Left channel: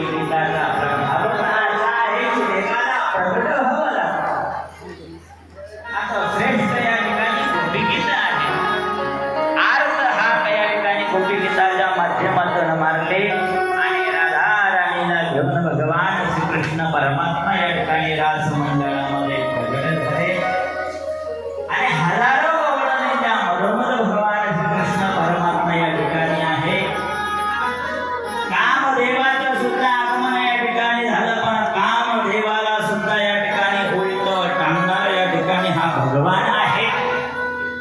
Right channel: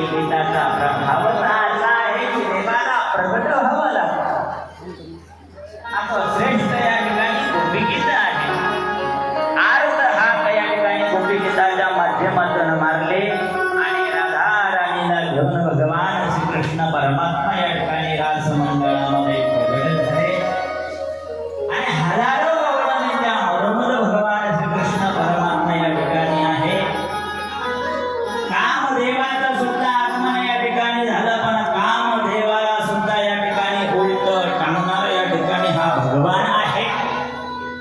गीताचा प्रभाव असा आहे की देवाला प्रगट व्हावं लागतं. असं श्रेष्ठ या ठिकाणी गोपी गीत आहे. अर्थ हा या ठिकाणी गोपी गीताच्या माध्यमातून मारले आणि राधा राणीला घेऊन भगवान श्रीकृष्ण परमात्मा या ठिकाणी रास मंडळामध्ये प्रगट झाले आणि हजारो वर्णांच्या मधोमध भगवान श्रीकृष्ण परमात्मा या ठिकाणी आहे. कामदेवाचं सुद्धा आगमन या ठिकाणी झालं, पण कामदेवाला सुद्धा या ठिकाणी उलट टांगणारा या ठिकाणी हा भगवान आहे.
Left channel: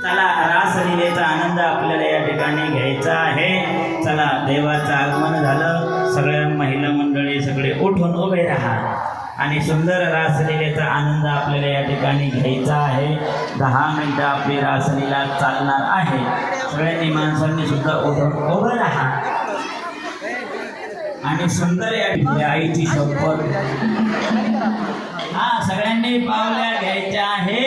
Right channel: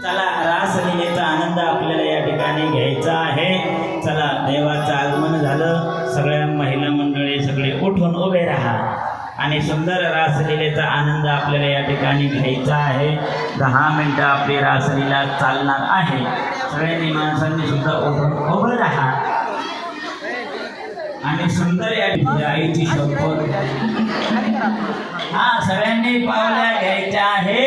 चला रासलीलेचा आनंद आपल्याला या ठिकाणी घ्यायचा आहे. चला देवाचं आगमन झालं, सगळ्या महिला मंडळी सगळे उठून उभे राहा आणि सुंदर रासलीलेचा आनंद आपल्याला या ठिकाणी घ्यायचा आहे. 10 मिनिटं आपली रासलीला चालणार आहे. सगळ्यांनी माणसांनी सुद्धा उठून उभं राहा आणि सुंदर या आईची शपथ हा सगळ्यांनी पावल्या घ्यायच्या आहे.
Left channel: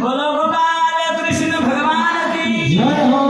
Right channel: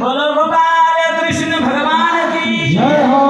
बोलो गोपाल कृष्ण भगवान की जय हो.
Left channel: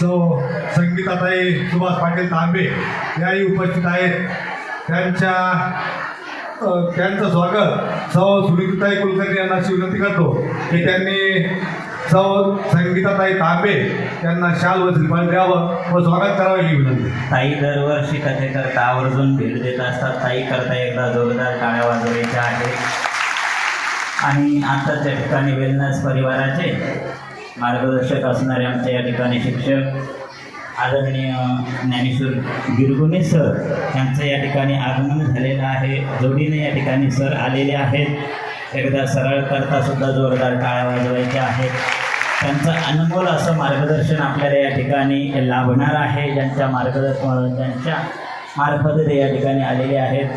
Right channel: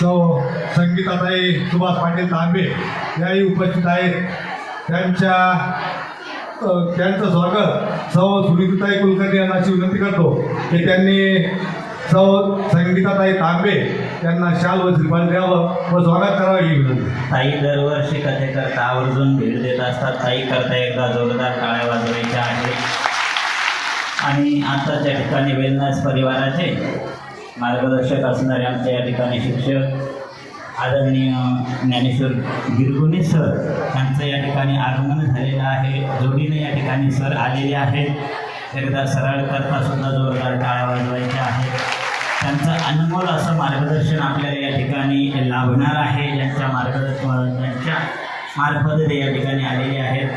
सौ संगीताताई सुभाष पाटील तांबे याही उपस्थित आहेत. त्यांचं स्वागत सौ सुनीताई कुलकर्णी यांना अशी विनंती करतो की त्यांनी सौ संगीताताई तांबे यांना शाल व श्रीफळ द्यावं व स्वागत करावं ही विनंती. ताई दरवर्षी कथेकरता आवर्जून भेट देत असतात. ताई करता एकदा जोरदार टाळ्या वाजवायच्या आहेत. आणि आता त्या ठिकाणी वेलनेस परिवाराचे मार्गदर्शक असणारे आमच्या या ठिकाणी शिक्षक आदरणीय ज्ञानेश्वर गिरगुणे सर यांचं या ठिकाणी आगमन झालेलं आहे. जोडीने या ठिकाणी सर आलेले आहेत. एकदा सरळ करता सुद्धा जोरदार टाळ्या वाजवायच्या आहेत. त्यांचं अनमोल असं मार्गदर्शन आपल्याला या ठिकाणी लाभणार आहे. ज्यांच्या मार्फत ते या ठिकाणी आलेले आहेत.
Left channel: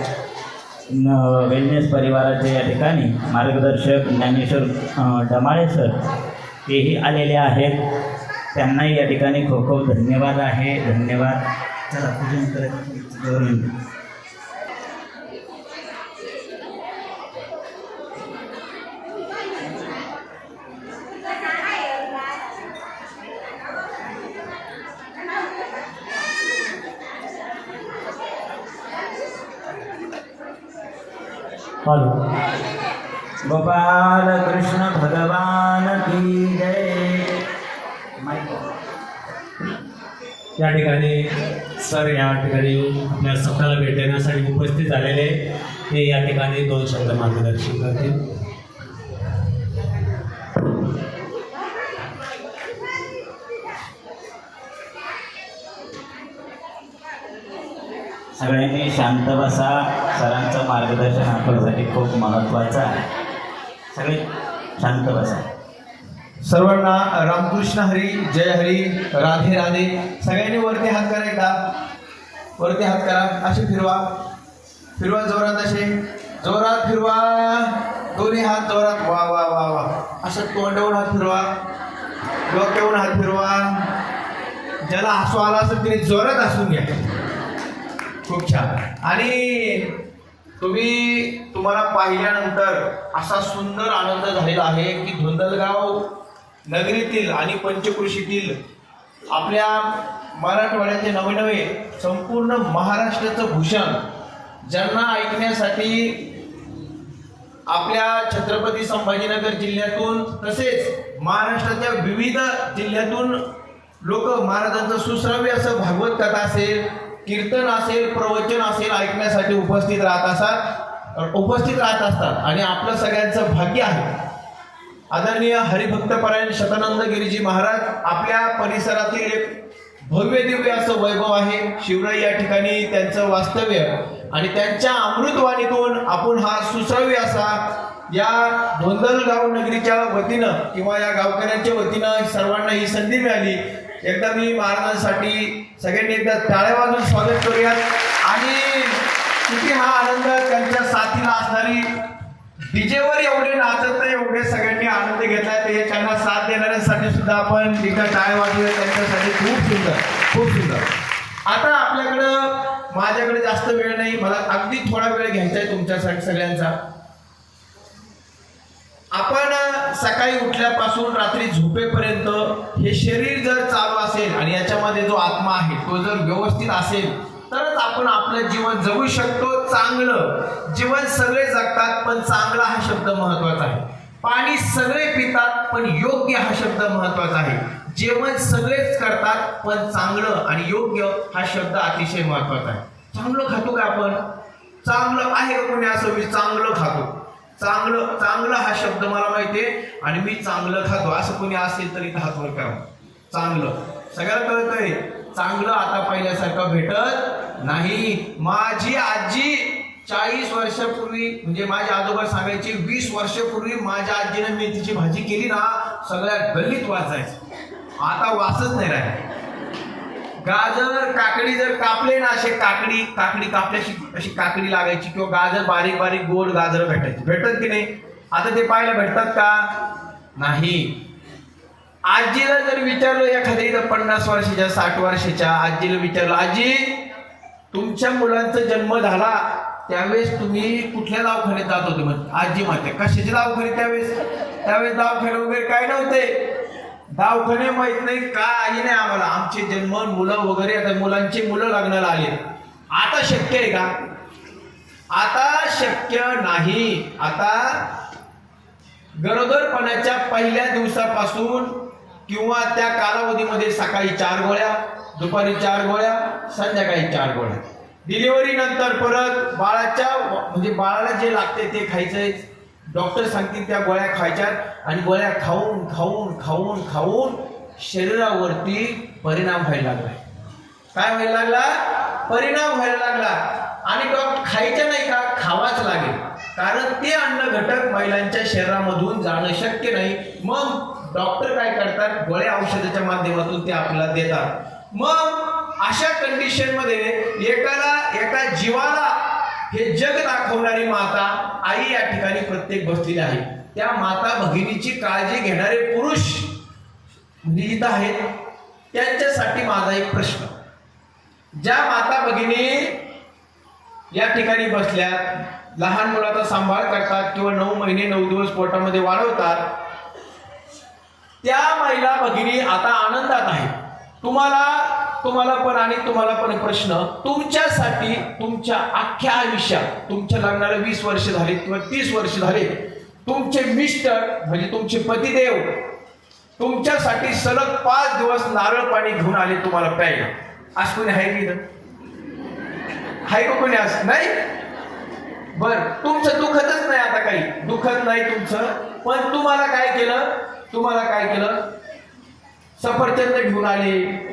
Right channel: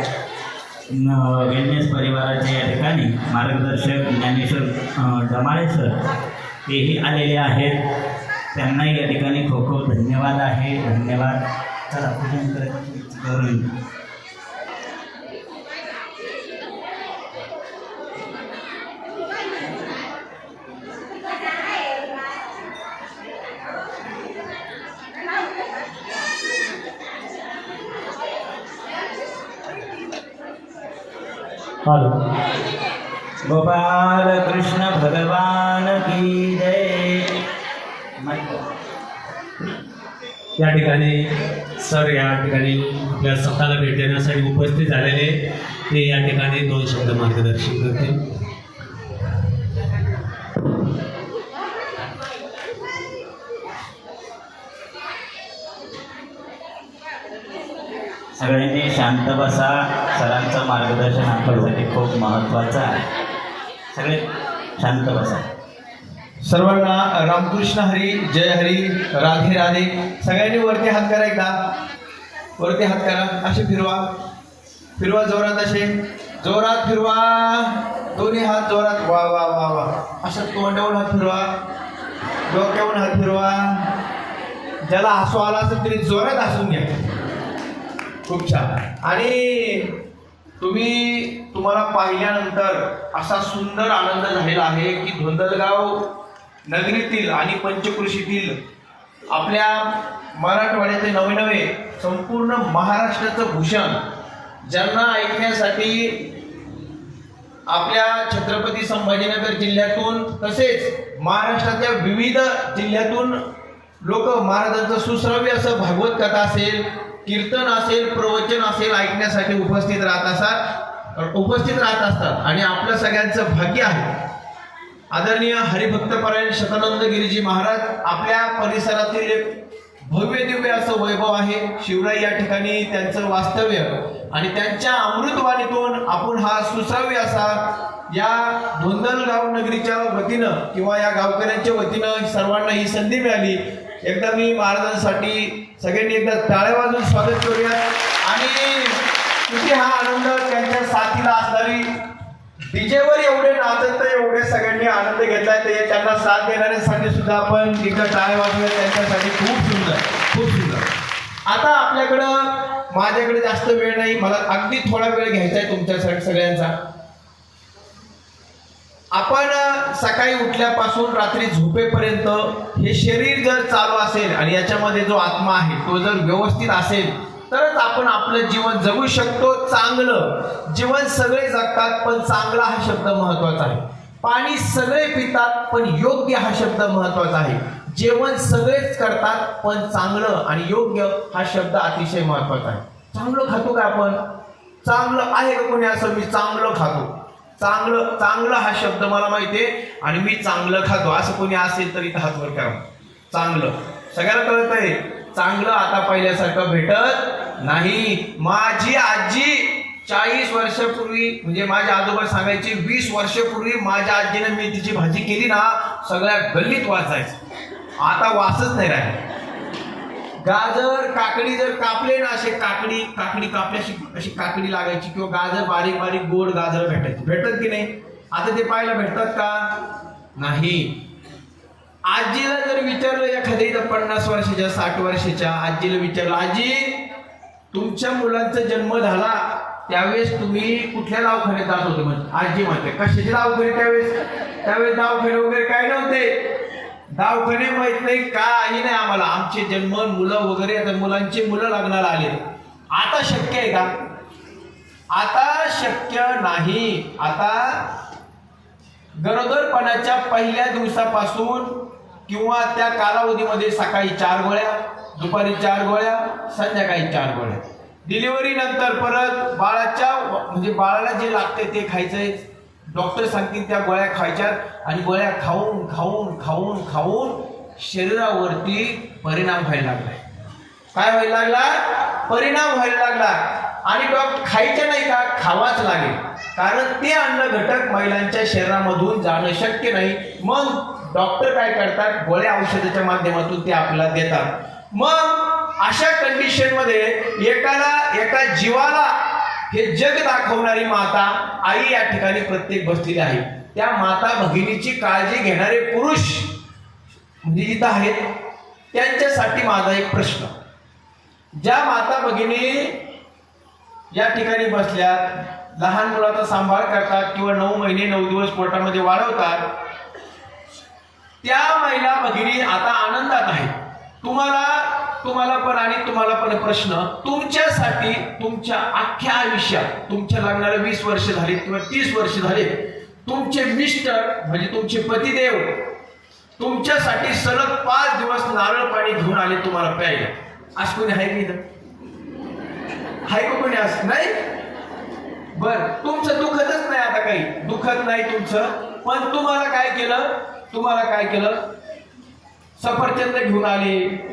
वेलनेस परिवाराचे या ठिकाणी मार्गदर्शक ज्ञानेश्वर डमाळे सर तेही आलेले आहेत. त्यांनाही या ठिकाणी खूप खूप धन्यवाद आहे. धन्यवाद. चला करून गोपाल कृष्ण भगवान की जय. या ठिकाणी सर या ठिकाणी आपल्या स्वतःला भेट देण्यासाठी उपस्थित झालेले ते या ठिकाणी 2 शब्द मार्गदर्शन करतील. सगळ्यांनी शांत बसा. सरांचं मार्गदर्शन आपल्यासाठी खूप महत्त्वाचं आहे. सगळे शांत बसा. सर्वांना रामकृष्ण हरी, जय हरी, राधे राधे. सगळ्यांनी वरती हात करा. एकदा वरती हात करा. असे फिरवा फिरवा जोरात. असे जोरात फिरवा. दोन्ही हात जोरात. वा वा वा वा. असं तोंडावरून हात फिरवा. डोक्यावरून हात फिरवा. ज्याला हसू आला असेल तरी जोरात हसून घ्या. खूप छान. आणि तुम्हाला पाहिल्यानंतर असा सुंदर आनंद झालेला आहे की धोंडलगाव नगरीतील आणि पंचकृषीतील आपल्या मराठवाड्याचे नवे संपूर्ण महाराष्ट्राचं भूषण ज्यांना ऐकण्यासाठी आपल्या छत्रपती संभाजीनगर जिल्ह्यातून तसेच महाराष्ट्राच्या विविध जिल्ह्यातून लोक महाराजांचं सुश्राव्य असं भागवत कथा असेल, कीर्तन असेल, प्रवचन असेल ऐकण्यासाठी उपस्थित राहत असतात. आणि आपलं सगळ्यांचं भाग्य आहे. आदरणीय हरिभक्तपरायण शतानंद गिरीजी महाराज आपल्या परिसरातील एक भव्य दिव्य असं वैभव आहे. शिवराई या ठिकाणी त्यांचं वास्तव्य आणि त्यांच्या अमृतवाणीतून आपण हा सुश्राव्य असा या धोंडलगाव नगरीच्या वतीनं किंवा या गावकऱ्यांच्या वतीनं सर्वांना ही संधी मिळाली. एकदा मी महाराजांसाठी सगळ्यांनी एकदा टाळ्या वाजवून स्वागत करूया. आणि किती हा आनंद त्यांच्या साथीला असणारी डीजेवर एवढे नाचत एवढे सगळ्यांनी आनंद घेतलाय. ते त्यांना साथ देणाऱ्यांसाठी सुद्धा आपण एकदा टाळ्या वाजवूया. त्यांच्यासाठी खूप सुंदर खूप सुंदर. आता माझ्याकडे जास्त वेळ नाही. मला अगदी थोडा वेळ घ्यायचा आहे तुमच्यासाठी सगळ्यांचा. आपण सकाळी उठल्यापासून रात्री झोपेपर्यंत हे शरीर जर चालू असेल आणि याच्यामध्ये जो आत्मा आहे तो जर व्यवस्थित असेल तरच आपण आपलं जीवन जगू शकतो. चांगलं जीवन सगळे जगतात पण चांगला हा शब्द महत्वाचा आहे. पाणी सगळे पितात पण योग्य हा शब्द महत्वाचा आहे. जेवण सगळेच करतात पण चांगलं आणि योग्य हा शब्द अतिशय महत्वाचा आहे. चांगलं खातो का आपण? चांगलं आहे का कोणी असं? मी चांगलं खातो. चांगलं हा शब्द मला माहिती आहे आणि मी चांगलं खातो असं कोणी असेल तरी हात वर करा. चांगलं सगळ्याला कळतंय. चांगलं आता पहिल्यासारखं भेटत नाही. माझी आजी 40 वर्षापूर्वी म्हणजे माझे आजोबा सांगायचे 20 वर्षापूर्वी माझ्या आजीने मेथीची भाजी केली ना सगळ्या गल्लीत वाचायचं. आता वासच नाही राहिला. गाजर काकडी जर कापले ना असे काकडी कापल्याशी अशी काकडी लागायची किंवा गाजर बारीक बारीक गोड गाजर भेटत की नाही? आता ते पाहायला भेटतात का? नाही. आजीला जर विचारलं एखाद्या 50 वर्षाच्या 60 वर्षाच्या आजीला विचारलं, आजी तुमच्या मुलांचा जन्म झाला त्यावेळेस तुम्ही कुठल्या दवाखान्यात जात होते? आजी म्हणते कशाचे दवाखाने? त्यावेळेस दवाखाने वगैरे काय नव्हते. दवाखाने माहित नाही, काही नाही आम्हाला. आमचे जन्म, मुलं वगैरे, आता मुलांची मुलं लग्नाला आले. आता शक्य आहे का? आता शक्य नाही. आता गरोदरपणाच्या पहिल्या दिवसापासून किंवा त्या कालावधीमध्ये सकाळी 4 गोळ्या, दुपारी 4 गोळ्या, संध्याकाळी 4 गोळ्या. डिलिव्हरी नंतर परत बाळाला जे लागते ते खायचंय. डॉक्टर सांगतील त्या गोळ्या खायच्या आणि गोळ्या खाऊन खाऊन खाऊन खाऊन शरीरावरती परिणाम व्हायला लागला. काय व्हायला लागला? परिणाम व्हायला लागला. आणि डॉक्टर खायचं नाही का? खावाच लागेल, कारण ते अन्न घटक महिलांच्या शरीरामधून जाणं शक्य नाही. मग डॉक्टर काय करतात? गोळ्या औषधाच्या माध्यमातून ते आपल्याला देतात. मग अशा कंडिशन मध्ये एका जीवाला हे जग दाखवणारी माता आई या ठिकाणी प्रत्येक बसलेली आहे. त्या माता भगिनीची काळजी घेणारे पुरुष म्हणजे इथं आहेत, त्यांच्यासाठी माझा एक प्रश्न. ज्या माता भगिनी या ठिकाणी बसल्यात, लहान मुलाचा सांभाळ करतात किंवा 9 महिने 9 दिवस पोटामध्ये वाढवतात, त्या महिला भगिनी आता आनंदात आहेत. तुम्हाला पण प्रश्न, तुमच्यासाठी तुमच्या अख्ख्या आयुष्यात, तुमच्या लग्नाला 20 वर्ष झाली किंवा 30 वर्ष झाले, तुमचे मिस्टर म्हणजे तुमचे पतिदेव तुमच्यासाठी सलग 5 दिवस नारळ पाणी घेऊन आले तुम्हाला प्यायला. आज कोणी आहे की हाय का? कोणी आज नाही? बर, तुमचं दुखतच नाही, आता काही दुखत नाही तुमचं. पण तुम्हाला काय केलं? सफरचंद घेऊन आले.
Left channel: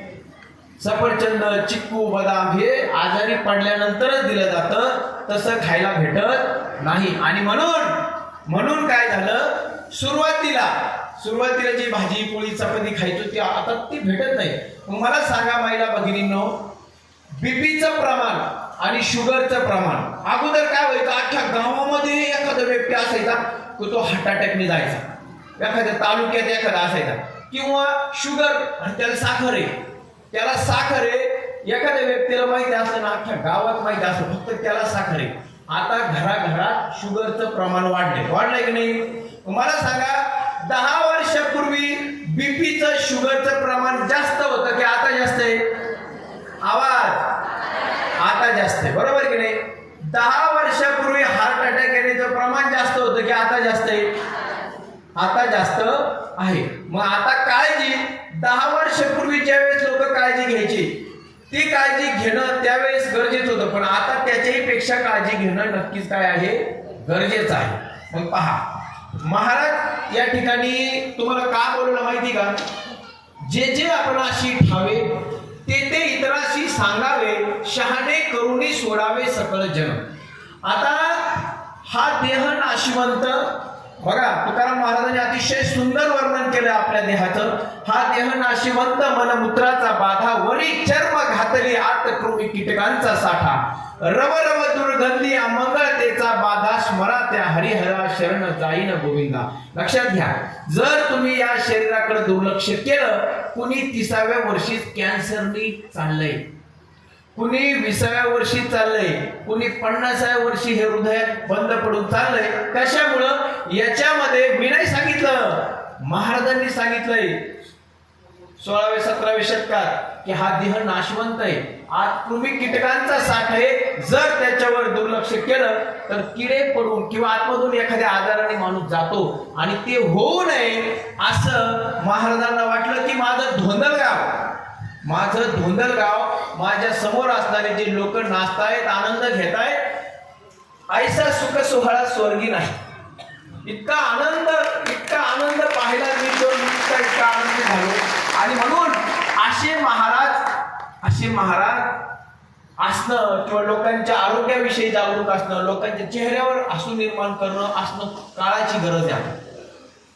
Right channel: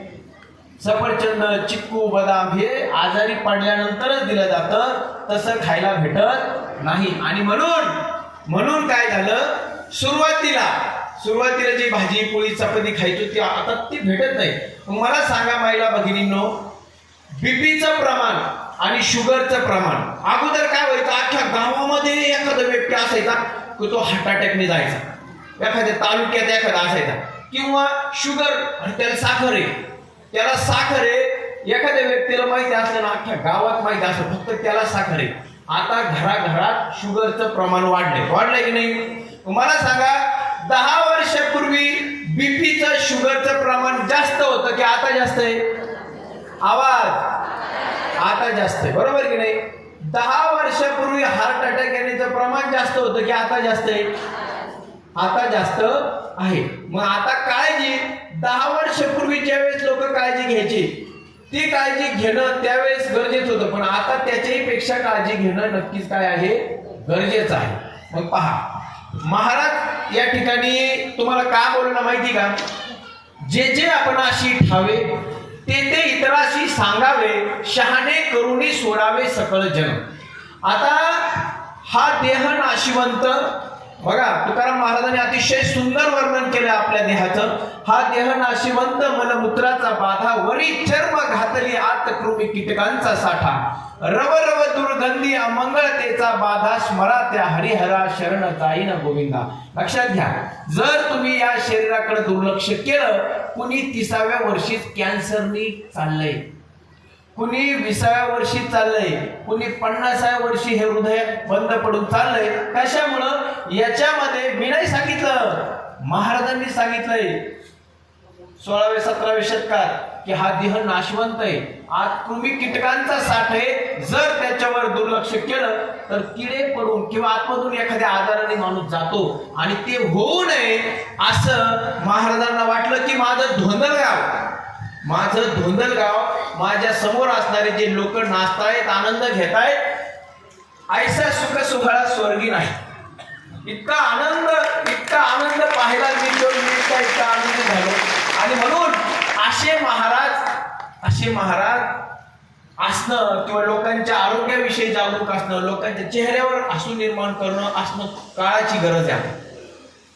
सफरचंद, चिक्कू, बदाम हे आजारी पडल्यानंतरच दिलं जातं, तसं खायला भेटत नाही. आणि म्हणून काय झालं? सुरुवातीला जी भाजी पोळी चपाती खायचो ती आता ती भेटत नाही. मला सांगा महिला भगिनींनो, बीपीचं प्रमाण आणि शुगरचं प्रमाण अगोदर काय व्हायचं? अख्ख्या गावामध्ये एखादा व्यक्ती असायचा की तो हार्ट अटॅकने जायचा, एखाद्या तालुक्यात एखादा असायचा, किंवा शुगर आणि त्याला साखर आहे. एखाद्या व्यक्तीला माहिती असलं ना, अख्ख्या गावात माहिती असलं फक्त त्याला साखर आहे. आता घराघरात शुगरचं प्रमाण वाढलंय की नाही? मला सांगा, 10 वर्षापूर्वी बीपीचं शुगरचं प्रमाण जास्त होतं की आता जास्त आहे? आता जास्त आहे, बरोबर की नाही? 10 वर्षापूर्वी हार्ट अटॅक येण्याचं प्रमाण जास्त होतं की आता जास्त आहे? आता जास्त आहे. मग आता काळजी, 10 वर्षापूर्वी ज्यावेळेस लोक काळजी घ्यायची, ती काळजी घेणं त्यावेळेस गरजेचं होतं, पण आता त्याच्याही पेक्षा काळजी घेणं नक्कीच काय आहे? गरजेचं आहे. मग पहा, महाराज या ठिकाणी तुम्हाला का बोलवलं माहिती का? जे आपणाशी ठावे ते इतराशी सांगावे, शहाणे करुणी सोडावे सकळ जन. आता हा देह नाशिवंत, बघा तुकाराम महाराजांनी अतिशय सुंदर वर्णन केलं आपल्या देहाचं. हा देह नाशिवंत, मलमूत्राचा बाधा, वरी चर्म घातली आत कृमी कीटकांचा साठा, रव रव दुर्गंधी अमंगळतेचा बाधा, स्मरा त्या हरिहरा शरण जाईन गोविंदा. लक्षात घ्या, जर तुम्ही या शरीराकडे दुर्लक्ष केलं, कुणी 30व्या वर्षीच कॅन्सरनी चाललंय, कुणी 20व्या वर्षी चाललंय, कुणी 50व्या वर्षी हे हृदय बंद पडून चाललंय. कशामुळं? याच्यामध्ये मी नाही सांगितलं, महाराजांनी सांगितलंय 16व्या 17व्या शतकात की हा देह नाशवंत आहे, आत कृमी कीटकांचा साठ आहे. जर त्याच्यावर दुर्लक्ष केलं तर किडे पडून किंवा आतमधून एखाद्या आजाराने माणूस जातो. आणि ते होऊ नये असं महाराजांना वाटलं की माझं धोंदलगाव माझ्या समोर असणारे जे लोक नाचतायत, आनंद घेतायत, ऐसा सुख सोहळा स्वर्गी नाही. इतका आनंद पाहायला मिळतो, इतका आनंदी झालो. आणि म्हणून असे महाराज असणं किंवा लोकांच्या आरोग्याविषयी जागरूक असणं, लोकांच्या चेहऱ्यावर हसू निर्माण करणं असणं काळाची गरज आहे.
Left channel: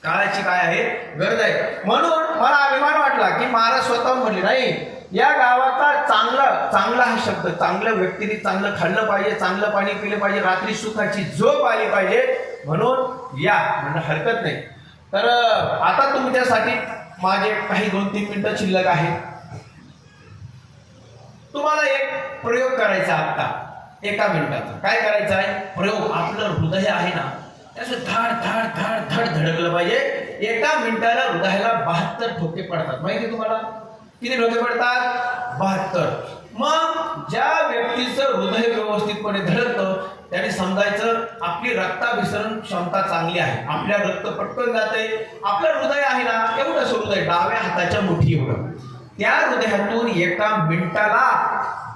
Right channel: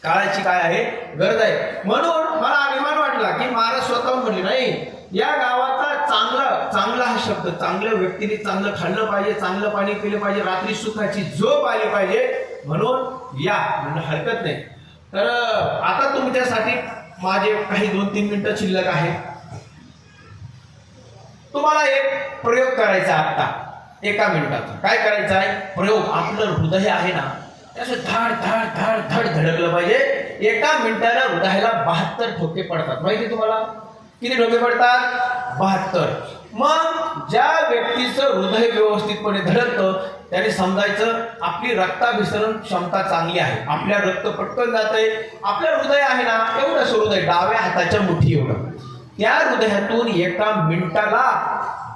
काळाची काय आहे? गरज आहे. म्हणून मला अभिमान वाटला की महाराज स्वतः म्हणले, नाही या गावाचा चांगला हा शब्द, चांगल्या व्यक्तीने चांगलं खाल्लं पाहिजे, चांगलं पाणी पिलं पाहिजे, रात्री सुखाची झोप आली पाहिजे, म्हणून या म्हणणं हरकत नाही. तर आता तुमच्यासाठी माझे काही 2-3 मिनिटं शिल्लक आहे. तुम्हाला एक प्रयोग करायचा आता 1 मिनिटाचा. काय करायचा आहे प्रयोग? आपलं हृदय आहे ना, त्याचं धाड धाड धाड धाड धडकलं पाहिजे. एका मिनिटाला हृदयाला 72 ठोके पडतात. माहिती तुम्हाला किती ठोके पडतात? 72. मग ज्या व्यक्तीचं हृदय व्यवस्थितपणे धडकतं त्याने समजायचं आपली रक्ताभिसरण क्षमता चांगली आहे, आपल्या रक्त पटकन जाते. आपलं हृदय आहे ना, एवढंच हृदय डाव्या हाताच्या मुठी एवढं, त्या हृदयातून एका मिनिटाला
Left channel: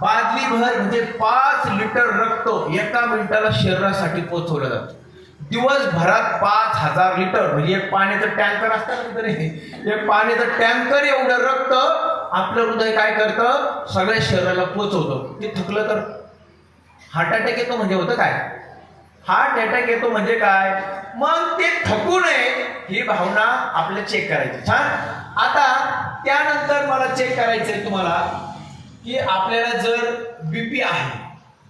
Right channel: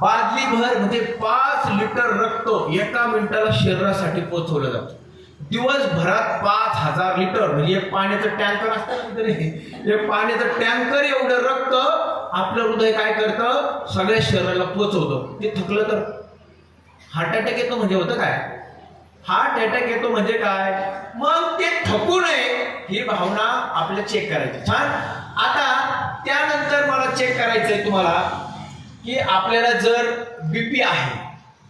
बादलीभर म्हणजे 5 लिटर रक्त एका मिनिटाला शरीरासाठी पोहोचवलं जातं. दिवसभरात 5000 लिटर म्हणजे एक पाण्याचं टँकर असतं तरी एक पाण्याचं टँकर एवढं रक्त आपलं हृदय काय करतं, सगळ्या शरीराला पोहोचवतं. ते थकलं तर हार्ट अटॅक येतो. म्हणजे होतं काय, हार्ट अटॅक येतो म्हणजे काय, मग ते थकू नये ही भावना आपल्याला चेक करायची. छान. आता त्यानंतर मला चेक करायचंय तुम्हाला की आपल्याला जर बीपी आहे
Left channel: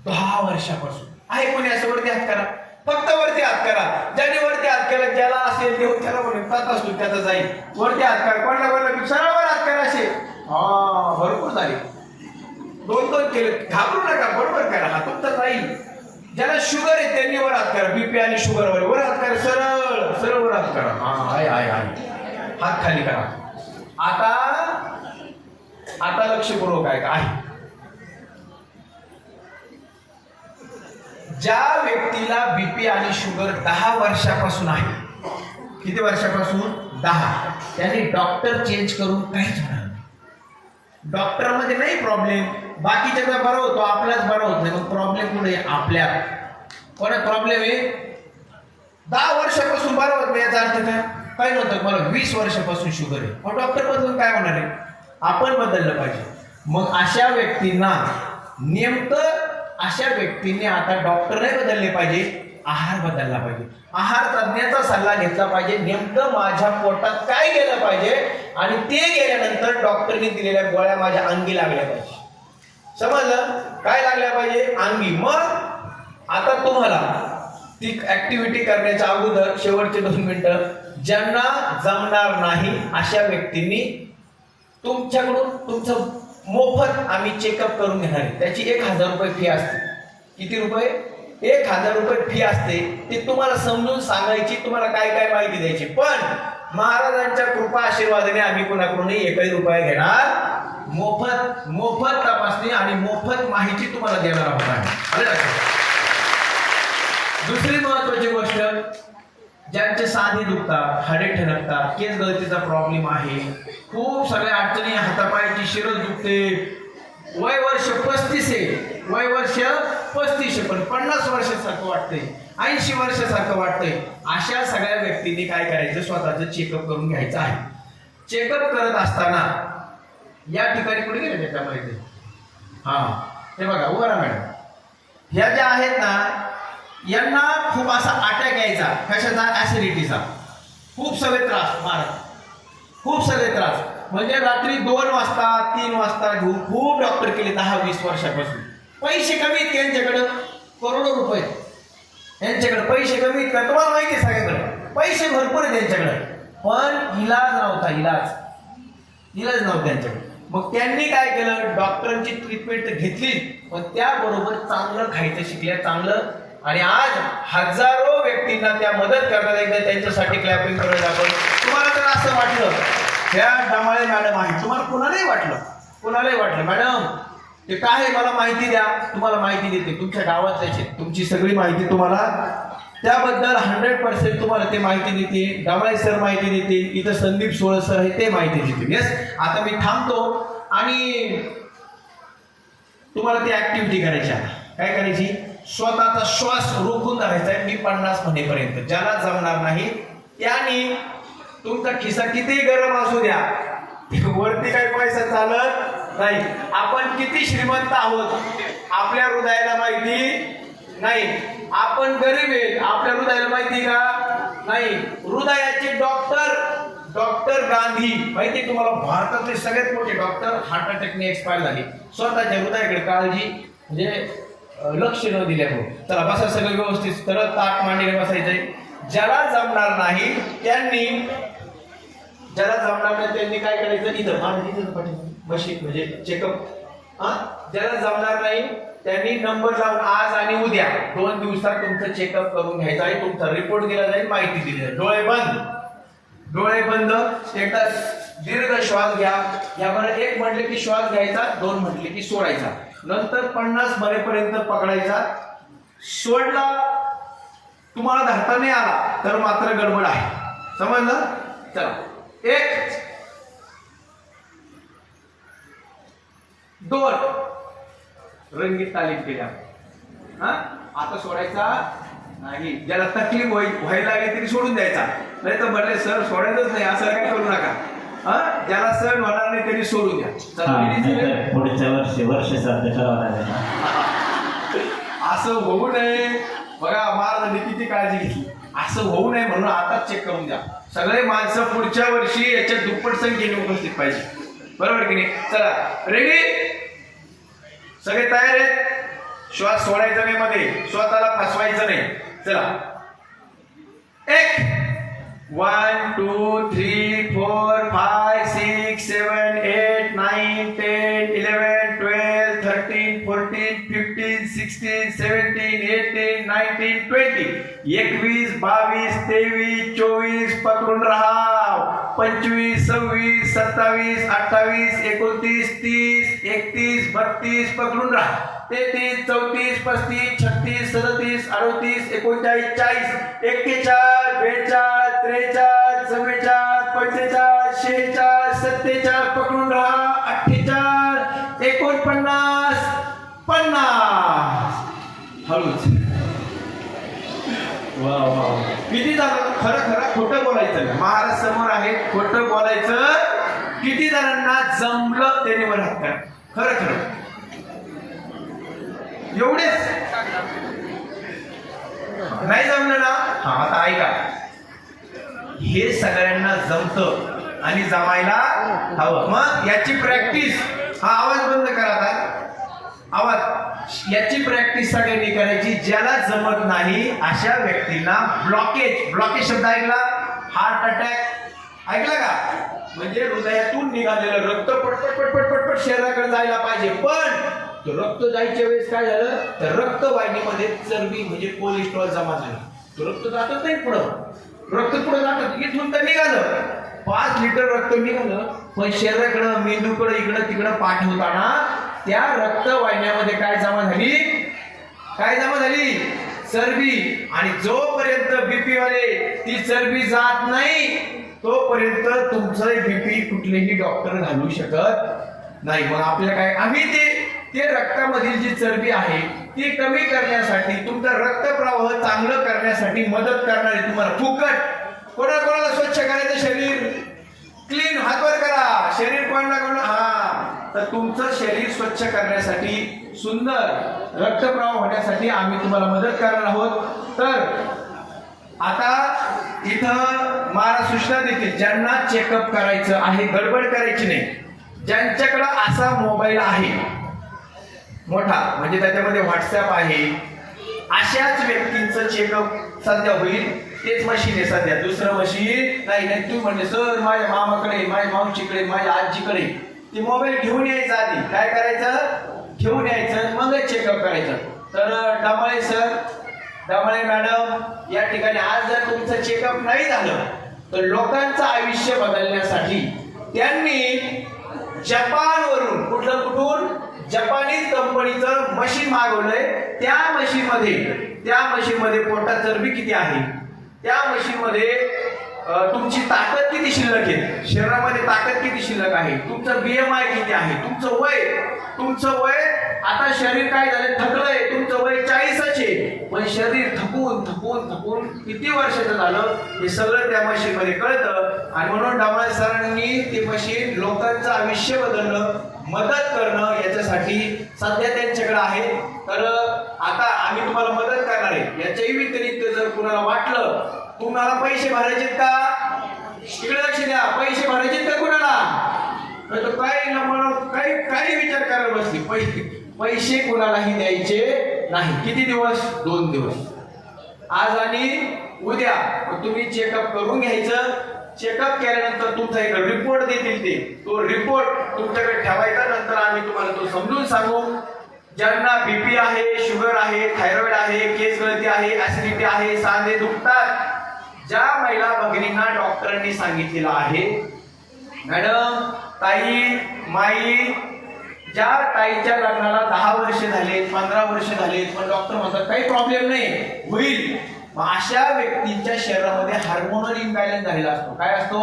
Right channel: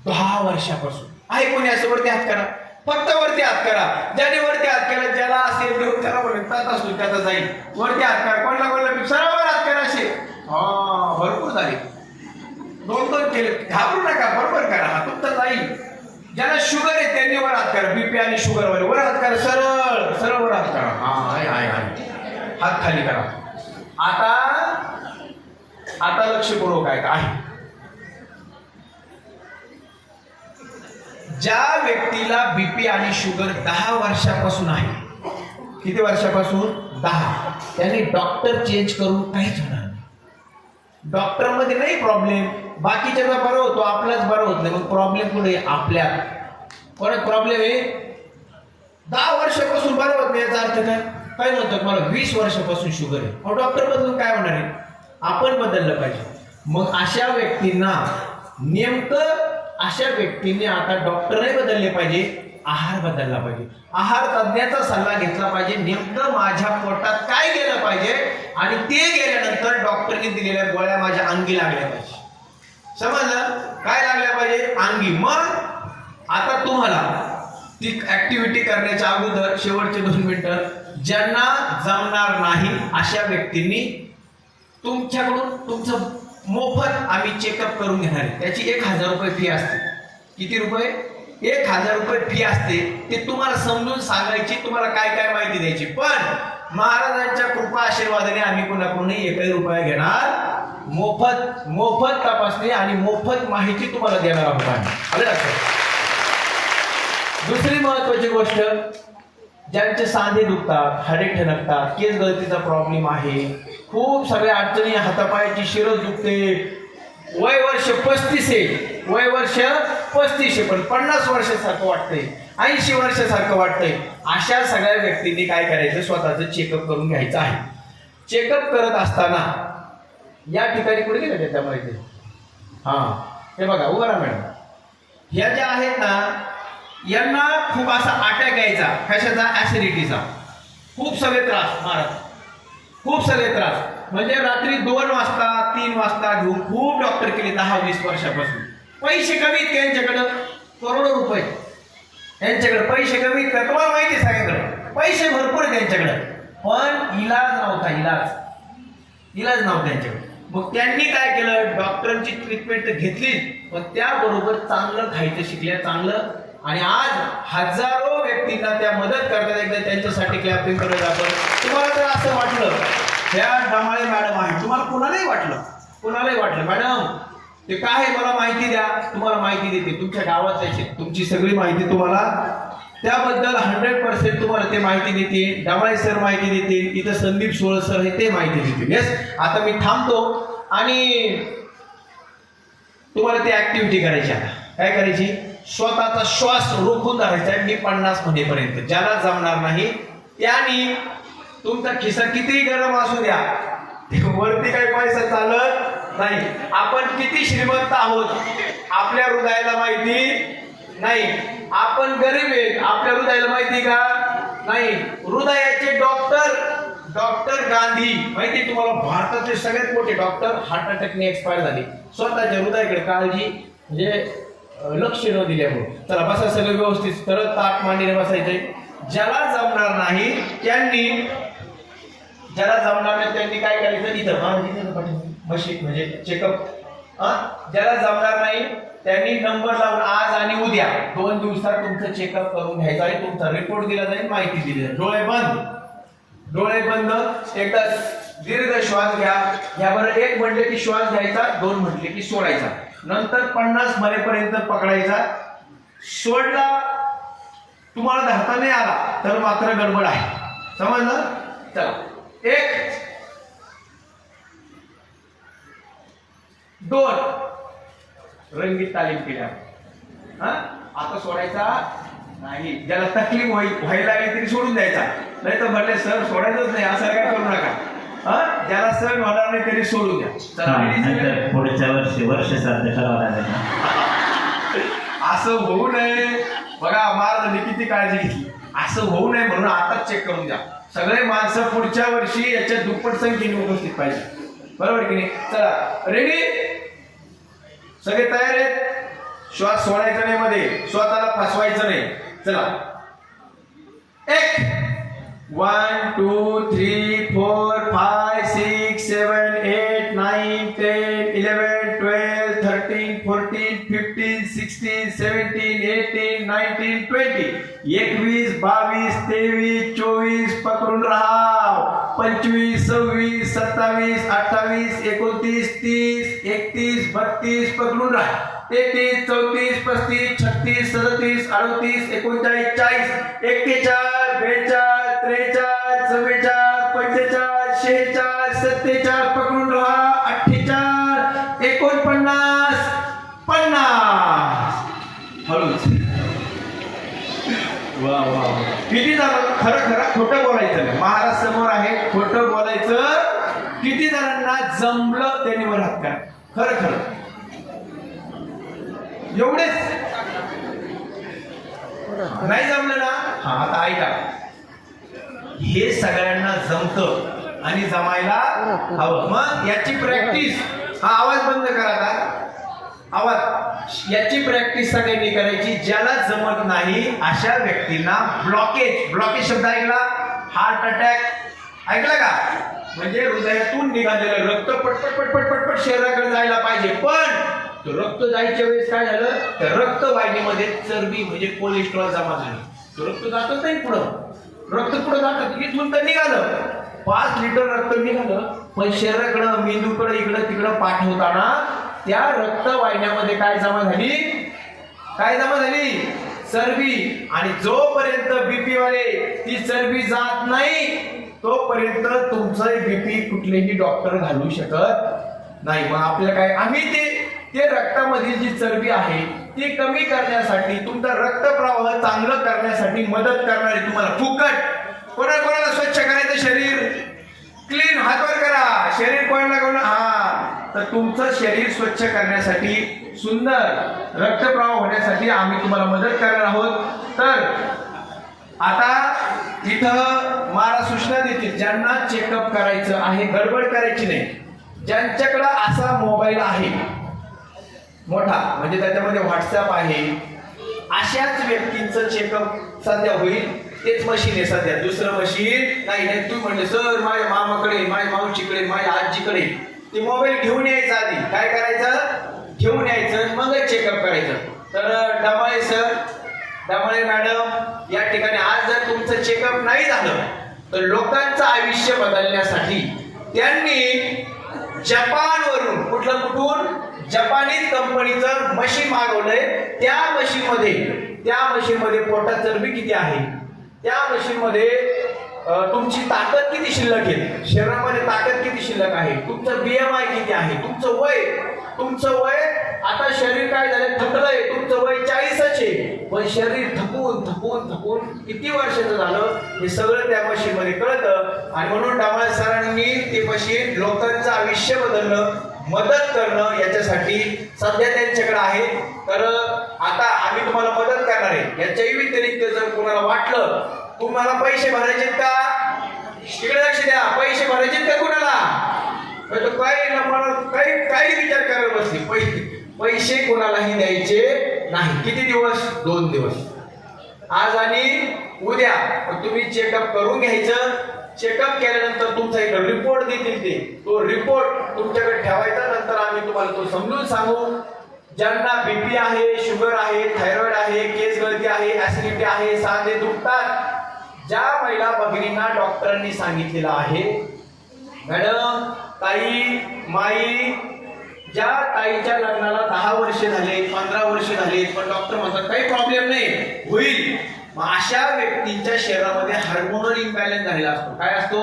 10 वर्षापासून आहे, कोणी असं वरती हात करा, फक्त वरती हात करा. ज्याने वरती हात केला, ज्याला असेल देव त्याला म्हणतात असतो त्याचा जाईल. वरती हात करा, कोणाला कोणाला सरावर हात करा असे. हा भरपूर झाले, 2-2 केले. घाबरू नका, बरोबर करा, हा तुमचा जाईल. ज्याला शुगर आहे त्यांनी वर हात करा, बीपी आणि शुगर वाले वर हात करा, सरळ सरळ वर हात करा. हा आहे आहे आहे, हात खाली करा. आता लक्षपूर्वक आहे. ज्या व्यक्तीला बीपी आणि शुगर 10 वर्षापासून आहे, किती वर्षापासून? 10. त्यांनी डॉक्टर चेंज करून काहीच होणार नाही. डॉक्टर मध्ये नाही प्रॉब्लेम, बाकीच्याचा बरा होतो, आपलाच बरा होत नाही. मग प्रॉब्लेम कुठे? आपल्यात. कोणात प्रॉब्लेम आहे? 10 वर्षापासून बरा होत नाही. याचा अर्थ काय? काय म्हणतात मला 20 वर्षापासून शुगर आहे, मग डॉक्टर बदलून काय होणार आहे? आपण बदललं पाहिजे. मग अशा व्यक्तींना नेमकं अशा व्यक्तींनी आता डॉक्टर नाही बदलले पाहिजे, आहार बदलला पाहिजे. आहार तज्ञाचा सल्ला घेतला पाहिजे. नेमकं माझ्या पोटात काय गेलं पाहिजे आणि ते गेल्यानंतर डॉक्टरने दिलेल्या गोळ्या माझ्या अंगी लागल्या पाहिजे. समजलं? काय लागल्या पाहिजे? अंगी. मग आता तुम्हाला ती ऍक्टिव्हिटी करण्याच्या अगोदर शेवटचे 2 मिनिटं ज्यांना जमणार नाही अशा व्यक्तींनी तुमच्याकडून तुमचं मोफत आम्ही चेकअप करून घेणार आहे. त्याची 1000 रुपये फी असते. किती रुपये? 1000 रुपये फी असते. ते तुम्हाला समजून सांगायची, तुम्हाला काय काय माहिती द्यायची. पण महाराजांच्या कृपा आशीर्वादाने आम्ही कुणाकडूनही 1 रुपया घेणार. मोफत तपासणी आणि मोफत माहिती तुम्हाला देणार आहोत आम्ही. आलं लक्षात? दुसरी महत्वाची गोष्ट, ज्यांचे सांधे दुखतात, हाडे ठणकतात, केस गळतीचा प्रॉब्लेम आहे, खूप सगळ्या अडचणी, हातापायाची शिरस दुखते, वय वर्ष 35 आहे, वय वर्ष 35 आहे, पण 50 वर्षासारखं वाटतंय, 80 वर्षासारखं वाटतंय, अशा सगळ्या व्यक्तींनी काय करायचं, स्वतःचं चेकअप करून घ्यायचं आहे. चेकअप करत असताना या ठिकाणी कुठे गेले त्याच्यामध्ये? हा हे बघा, उभा राहा मॅडम. ह्या ज्या आहेत ना, यांना खूप असा अटॅक यायचा. कशाचा? ऍसिडिटीचा. खूप सगळे त्रास महाराज, खूप सगळे त्रास. म्हणजे रात्री 2 वाजता 3 वाजता घेऊन खूप डॉक्टर केले 10-20 वर्षापासून. पैसे कमी आहेत त्यांच्याकडं, करोडो रुपये त्यांच्याकडे, पैसे कमी आहेत का तुम्हाला माहिती आहे? सगळ्यांकडे पैसे भरपूर आहेत त्यांच्याकडे, पण इलाज नव्हता. इलाज नव्हता त्यांच्याकडे. मग त्यांनी काय केलं? डॉक्टरांची ट्रीटमेंट घेतली, पण त्याबरोबर चांगलं खायचं शिकल्या, चांगलं. आणि आज हजारो व्यक्तींना त्या मदत करतात. एकदा त्यांच्यासाठी क्लॅपिंग करायला आपण. तुम्हाला जर असं वाटलं त्या डमाळे मॅडम आहे, तुम्हाला कुणालाही वाटलं मॅडम ते काय आहे मला माहिती द्या, तुम्हाला माहिती देते. तुमच्या गावात यायचे, तुमची सगळी माहिती तुम्हाला त्याबद्दल 100% तुम्हाला ते माहिती देते. डमाळे सर माहिती देते, इथं संदीप सोळ सर आहे ते माहिती देते. येस, आता मी थांबतो आणि तुम्हाला ती ऍक्टिव्हिटी करायची. आता काय करायची? स्वतःचा श्वास रोखून धरायचा मी 50 होण्यापर्यंत. ज्याला जमणार नाही त्याने तुमचा खिसा किती गरम असू द्या, वरती काही पैसा चालत नाही. आपण किती श्रीमंत आहोत आपल्या हृदयाला माहिती नाही. आपण गरीब आहेत आपल्या हृदयाला माहिती का नाही. हृदयाचे डॉक्टर गांधी माहिती तुम्हाला, भारताचे सगळ्यात मोठे डॉक्टर हार्ट अटॅकने एक्सपायर झाले. स्वतःच्या हृदयाकडे काळजी म्हणजे लक्ष न दिल्यामुळे. चला बसा सगळं व्यवस्थित, तरच ताट मांडीने बसायचंय. ज्याला जमणार नाही त्यांनी काय करायचं? इथं मशीन म्हणजे चेकअप. ज्याला जमणार नाही त्यांनी नंबर लावून आज आणि उद्या 2 दिवसात तुमचं चेकअप करून घ्यायचं आहे. तुमचा रिपोर्ट दिला जाईल, माहिती दिली जाईल. डोळे बंद, डोळे बंद, एकदा दीर्घ श्वास घ्या. यावर 1 म्हटले की श्वास घ्यायचा, 2 म्हटले की सोडायचा. नंतर 50 भरेपर्यंत पकडायचा. सोडला, तुम्हाला धरता नाही आला तर मात्र गडबड आहे. समजलं? चला, 1 2 रंगीत तालीम केल्या. हा, आता सोडायचा नाही. ज्याला तकलीफ व्हायला लागली तरी सोडून द्यायचा, नाही तर म्हटले सर सोडायचंच नाही असं काय करू नका. हा, ज्याला सहन होणार नाही तरी सोडून द्या. चला, नंतर पुढच्या वर्षी वर्ष साध्य करावं लागेल. असं होऊ नये. बघा महाराजांनी किती काळजी घेतली. असं होऊ नये म्हणून आताच चेक करून द्या. सगळे माणसं पुढच्या वर्षी याच्या दुप्पट संख्येने उपस्थित पाहिजे. बरोबर की नाही? चला, रेडी? सगळे तयार आहेत? श्वास सोडायचा नाही, मध्ये स्वतःला फसवायचं नाही. चला, 1 1 2 3 4 5 6 7 8 9 10 11 12 13 14 15 16 17 18 19 20 21 22 23 24 पकडून राहा. 25 26 27 28 29 30 31 32 पकडून राहा. 33 34 35 36 37 38 39 40 41 42 43 44 45 46 47 पकडून राहा. 48 49 50. हळूच. वा वा, किती जणांना खरं खरं खोटं बोलायचं नाही. महाराज समोर आहे, खोटं बोलायचं. किती जणांना जमलं त्यांनी वर हात करा. खरं खरं एवढेच. नाही जमलं ना, हा आता ऐका, हे सगळ्यांना जमतं आणि जमायला हवं. मग याची प्रॅक्टिस. हा आवाज बंद करा आता. आवाज. याची प्रॅक्टिस सगळ्यांनी करायची. ज्याला जमत नाही अशा व्यक्तींना ब्लॉकेज शब्द ऐकला? हार्ट अटॅक ऐकला का? म्हणजे हृदयातून निघालेलं रक्त पटपट पटपट पटपट शरीराकडे जायला पाहिजे, पण रक्त जायच्या वेळेस काय झालं, तर रक्तवाहिनीमध्ये चरबी म्हणजे कोलेस्ट्रॉल जमा झालं. रक्त जातच नाही पुढं. रक्त पुढे जातं, इथून तर निघालं 5 लिटर रक्त निघालं, पण शरीराकडं मेंदूकडे इकडं तिकडं पाठवताना त्या रक्तवाहिन्यामध्ये काय जमा झाली? चरबी. आणि जोपर्यंत बीपी वाले ती चरबी जात नाही तोपर्यंत तुमचं बीपी कुठलेही डॉक्टर घालू शकत नाही. मग आपल्याला काय, आम्ही ते रक्तामधील जी चरबी आहे ती कमी करण्यासाठी, तुमचा रक्तप्रवाह चांगलं करण्यासाठी मदत करणारी तुम्हाला फुकट. कोणाला स्वच्छ करायचं शरीर? क्लीन, हातवर करा. शरीर कोणाला करून, हा, तर तुमचं शरीर स्वच्छ करण्यासाठी, सुंदर रक्तप्रवाह होण्यासाठी आम्ही तुम्हाला मदत करणार आहोत. तर आता इथं मला सूचना देतील, ज्यांना चेकअप करायचं आहे, गडबड करायची नाही. ज्यांच्याकडे असा मोबाईल आहे मोठा, म्हणजे त्याच्यामध्ये व्हॉट्सअप आहे, अशाच व्यक्तींचं चेकअप सध्या होईल. तेच मशीन आहे सध्या, दुसरं मशीन नाही. तू म्हणले सर माझ्या मामाकडे, माझ्या मावशीकडे, माझ्या आजीकडे, ते मोबाईल घेऊन यायचं. आधी काय करायचं? घेऊन यायचं, मग चेकअप करायचं. तर डमाळे सर, डमाळे मॅडम या ठिकाणी आज जर तुमचं चेकअप नाही झालं तर लोकांचं आयुष्य बदलण्यासाठी त्यांनी जपानवरून, कुठून जपानीज कंपनीचं मशीन मागवलंय. त्या मशीनमध्ये पोटात चरबी किती आहे, त्या मशीनमध्ये तुमची ताकद किती शिल्लक आहे, शरीरामध्ये ताकद किती शिल्लक आहे, तुमचं BMI किती आहे, तुमचं वय आता शरीर काय झालं, थकलंय. तुमचं वय 40च आहे, पण शरीर थकून किती वर्षाचं झालं हे सगळं त्या मशीन मध्ये कळतं. आणि म्हणून डामाळे सरांनी ते मशीन लोकांचं आयुष्य बदलणं, मदत करणं याच्यासाठी सध्या त्यांच्याकडे आहे. तर आता आम्ही तुम्हाला मदत करणार आहे. याच्याही व्यतिरिक्त जर कुणाला वाटलं तुम्हाला पैसे भरायचे का, तिकडे लक्ष द्या. पैसे भरायचे का कुणाला? काही विचार करायला बसले. पैसे कोणालाही द्यायचे नाही. किती दिवस? 2 दिवस, आज आणि उद्या. तुम्ही चेकअप करून घ्यायचं. चेकअप केल्यानंतर तुमचा एक रिपोर्ट देतील, तो रिपोर्ट तुमच्याकडे ठेवायचा. नंतर आम्ही तुम्हाला तो समजून सांगू. ज्यांना बीपी आहे, शुगर आहे, थायरॉइड आहे, केस गळती आहे, ऍसिडिटी आहे, सांधे दुखतात, ज्या महिला भगिनींना डॉक्टरांनी सांगितलेलं आहे, मॅडम, ताई, माई, ज्या ताईच्या लग्नाला 10 वर्ष झाले, 15 वर्ष झाले, पण डॉक्टर म्हणतात काही प्रॉब्लेम नाही, होईल, मग अशा व्यक्तींच्या शरीरामध्ये हार्मोनल इम्बॅलन्स झालेला असतो. काय असतो?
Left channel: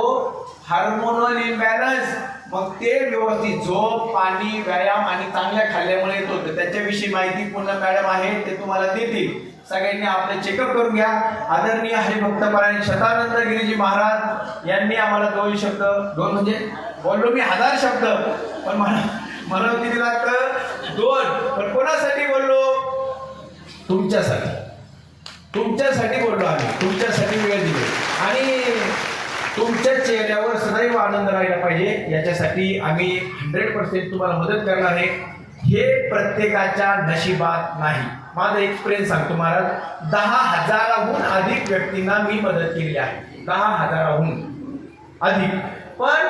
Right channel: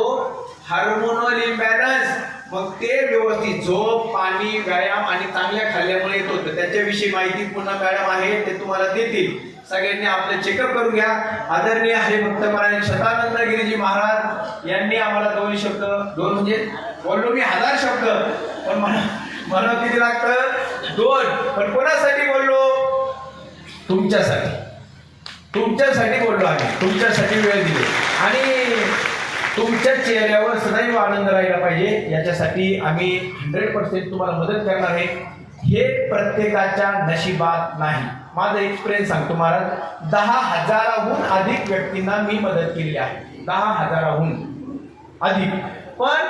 Hormonal imbalance. मग ते व्यवस्थित झोप, पाणी, व्यायाम आणि चांगल्या खाल्ल्यामुळे येत होतं. त्याच्याविषयी माहिती पुन्हा मॅडम आहे ते तुम्हाला देतील. सगळ्यांनी आपले चेकअप करून घ्या. आदरणीय हरिभक्तपरायण शतानंद गिरीजी महाराज यांनी आम्हाला 2 शब्द, 2 म्हणजे बोललो मी 1000 शब्द, पण मला किती लागतं? 2. पण कोणासाठी बोललो? तुमच्यासाठी बोललो आम्ही, तुमच्यासाठी वेळ दिली आणि तुमच्या चेहऱ्यावर सदैव आनंद राहिला पाहिजे याच्यासाठी आम्ही 100% तुम्हाला मदत करणार आहे. हे प्रत्येकाच्या नशिबात नाही. माझा एक्सपिरियन्स सांगतो महाराज, 10,000हून अधिक व्यक्तींना मी मदत केली आहे, 10,000हून अधिक. पण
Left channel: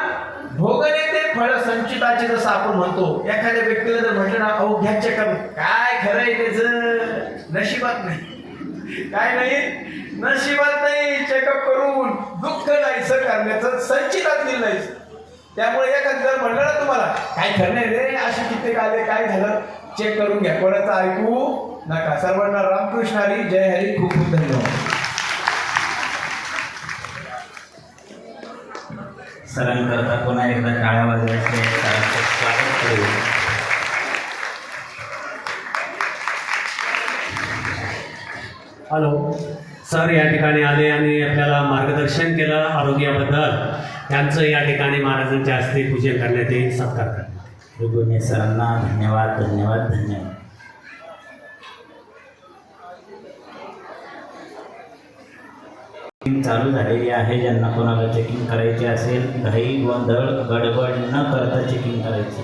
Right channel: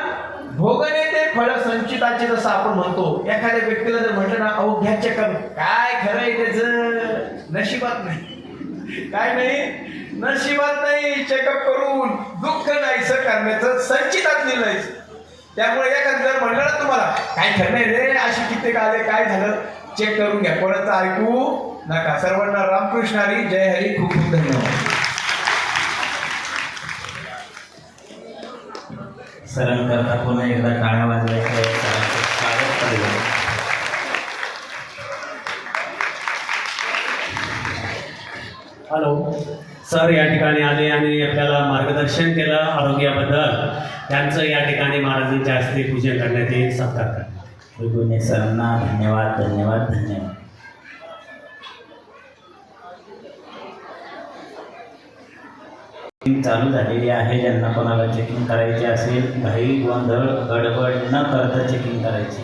भोगणे ते फळ संचिताचे जसं आपण म्हणतो, एखाद्या व्यक्तीला जर म्हटलं ना, अहो घ्या चेकअप, काय खरंय त्याचं? नशिबात नाही. काय नाही? नशिबात नाही. चेकअप करून दुःख नाहीसं करण्याचं संचितात लिहिलंय. त्यामुळे एखादं जर म्हणलं ना तुम्हाला, काय खरं नाही रे, अशी कित्येक आले, काय झालं, चेक करून घ्या, कोणाचं ऐकू नका. सर्वांना रामकृष्ण हरी, जय हरी, खूप खूप धन्यवाद. सरण करता पुन्हा एकदा टाळ्या वाजवायच्या सरांचं स्वागत करूया. हॅलो सर, या ठिकाणी आले आणि आपल्याला मार्गदर्शन केलं आरोग्याबद्दल. त्यांचं या ठिकाणी महाराजांच्या हस्ते पूजन करण्यात येईल, सत्कार करण्यात येईल. दोन्ही सरांना धन्यवाद, धन्यवाद, धन्यवाद. चालू झालेली आहे. ज्यांना कोणाला चेकिंग करायची असेल, घाई गोंधळ गडबड न करता चेकिंग करायची.